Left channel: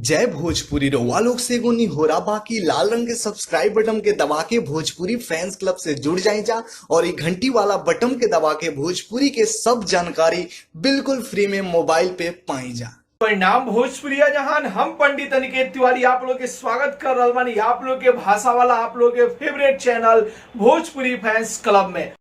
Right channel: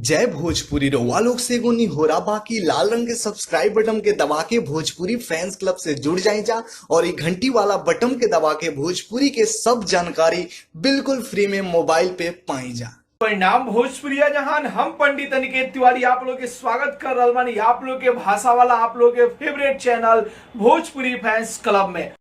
जय भोजपुरी रउआ लोग से एगो निहोरा बाकी लाल रंग के सब्सक्राइब बटन के दबा के भोजपुरी फैंस क्लब से जुड़ जाए जा और ये घंटी वाला बटन के दबा के भोजपुरी के सब जानकारी बिल्कुल फ्री में मोबाइल पे पाई जा। परिणाम भोजपुरिया जहान हम पंडित अनिकेत तिवारी आप लोग के स्वागत कर रहा बानी आप लोग के भाषा वाला आप लोग के favourite channel Bhojpuri fans club में।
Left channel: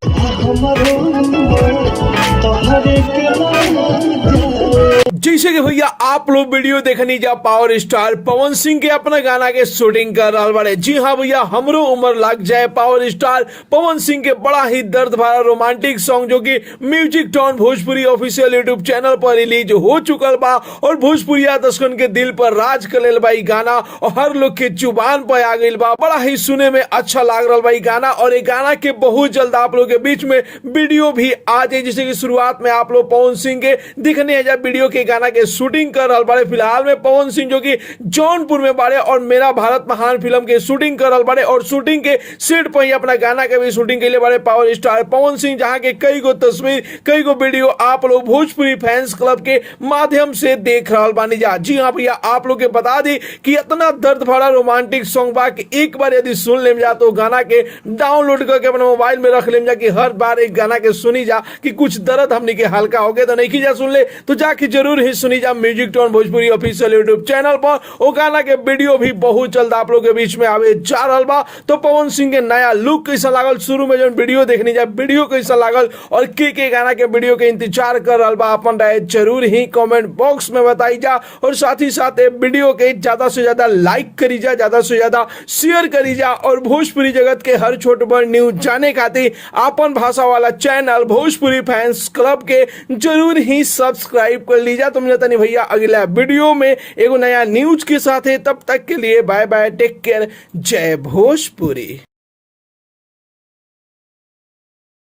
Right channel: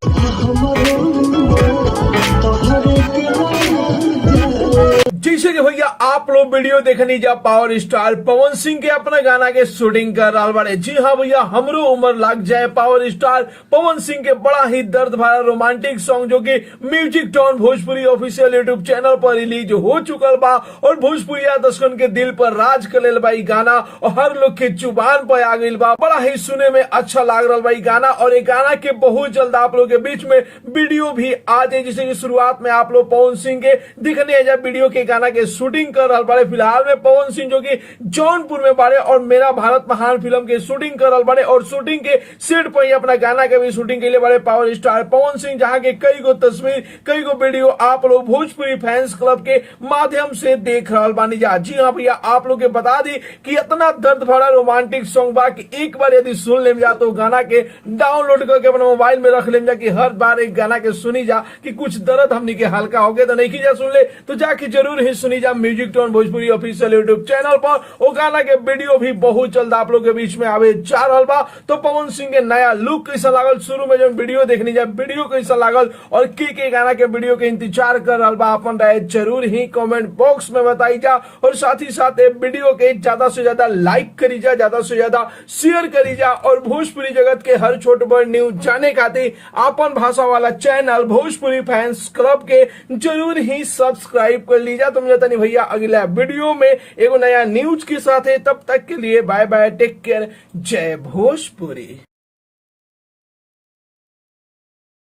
जैसे कि भैया आप लोग वीडियो देखनी जा पावर स्टार पवन सिंह के अपना गाना के शूटिंग कर रहा बारे। जी हाँ भैया, हमरो उम्र लग जाए पावर स्टार पवन सिंह के बड़ा ही दर्द भरा रोमांटिक सॉन्ग जो कि म्यूजिक टोन भोजपुरी ऑफिशियल यूट्यूब चैनल पर रिलीज हो चुकल बा और भोजपुरिया दर्शकन के दिल पर राज कर लेल बा गाना और हर लोग के जुबान पर आ गई बा। बड़ा ही सुने में अच्छा लग रहा बा गाना और ये गाना के बहुत जल्द आप लोग के बीच में वीडियो भी आ जाए। जैसे कि शुरुआत में आप लोग पवन सिंह के दिखने जा वीडियो के गाना के शूटिंग कर रहा बारे। फिलहाल में पवन सिंह जो कि जौनपुर में बारे और मेरा भारत महान फिल्म के शूटिंग कर रहा बारे और शूटिंग के सेट पर ही अपना गाना के भी शूटिंग के लिए बारे पावर स्टार पवन सिंह, जहां के कई गो तस्वीर कई गो वीडियो आप लोग भोजपुरी फैंस क्लब के माध्यम से देख रहा बानी जा। जी हाँ भैया, आप लोग के बता दी कि इतना दर्द भरा रोमांटिक सॉन्ग बा कि एक बार यदि सुन ले जा तो गाना के डाउनलोड करके अपने मोबाइल में रख ले जा कि हर बार एक गाना के सुनी जा कि कुछ दर्द हमने के हल्का हो गया तो नहीं जा सुन ले तो जाके जरूर ही सुनी जा म्यूजिक टोन भोजपुरी ऑफिशियल यूट्यूब चैनल पर। वो गाना के वीडियो भी बहुत जल्द आप लोग के बीच में आवे जा रहा बा। तो पवन सिंह के नया लुक कैसा लागल, शुरू में जो वीडियो देखनी जा वीडियो कैसा लागल और के गाना के वीडियो के इंतजार कर रहा बा, अपन राय जरूर ही कमेंट बॉक्स में बताई जा और साथ ही साथ वीडियो के ज्यादा से ज्यादा लाइक करी जा, ज्यादा से ज्यादा शेयर करी जा और भोजपुरी जगत के हर छोट बड़ न्यूज जाने खातिर अपन भाषा वाला चैनल भोजपुरी फैंस क्लब के जरूर ही सब्सक्राइब कर लीजा। तुम जाता नहीं भैया अगला वीडियो में एगो नया न्यूज के साथ है, तब तक के लिए बाय बाय, टेक केयर, जय भोजपुरी।